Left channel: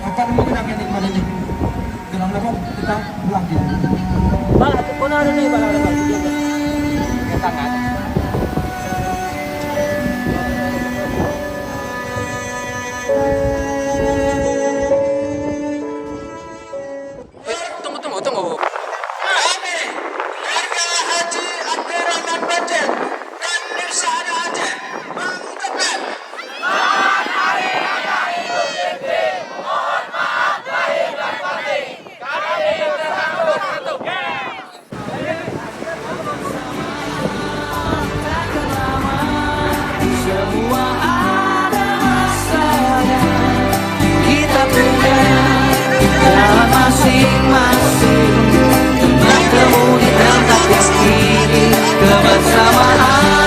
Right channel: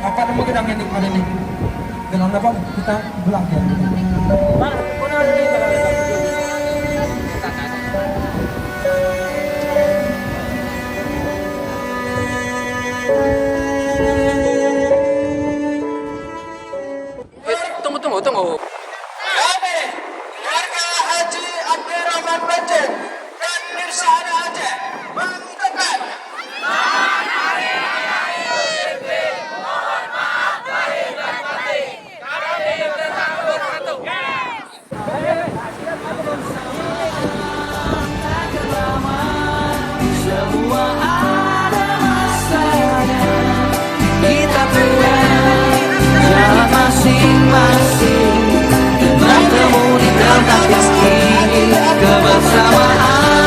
Apa nama kita yang nikmatin? Kenapa Bang? Kita pulang ya. Bang, pulang ini Bang. Tunggu. Kami, warga Haji Abdurrahman Bajik dan Nusana Aceh mengucapkan semua ada masanya. Kita punya jalan masing-masing, bertemu di tempat yang kini kebersamaan.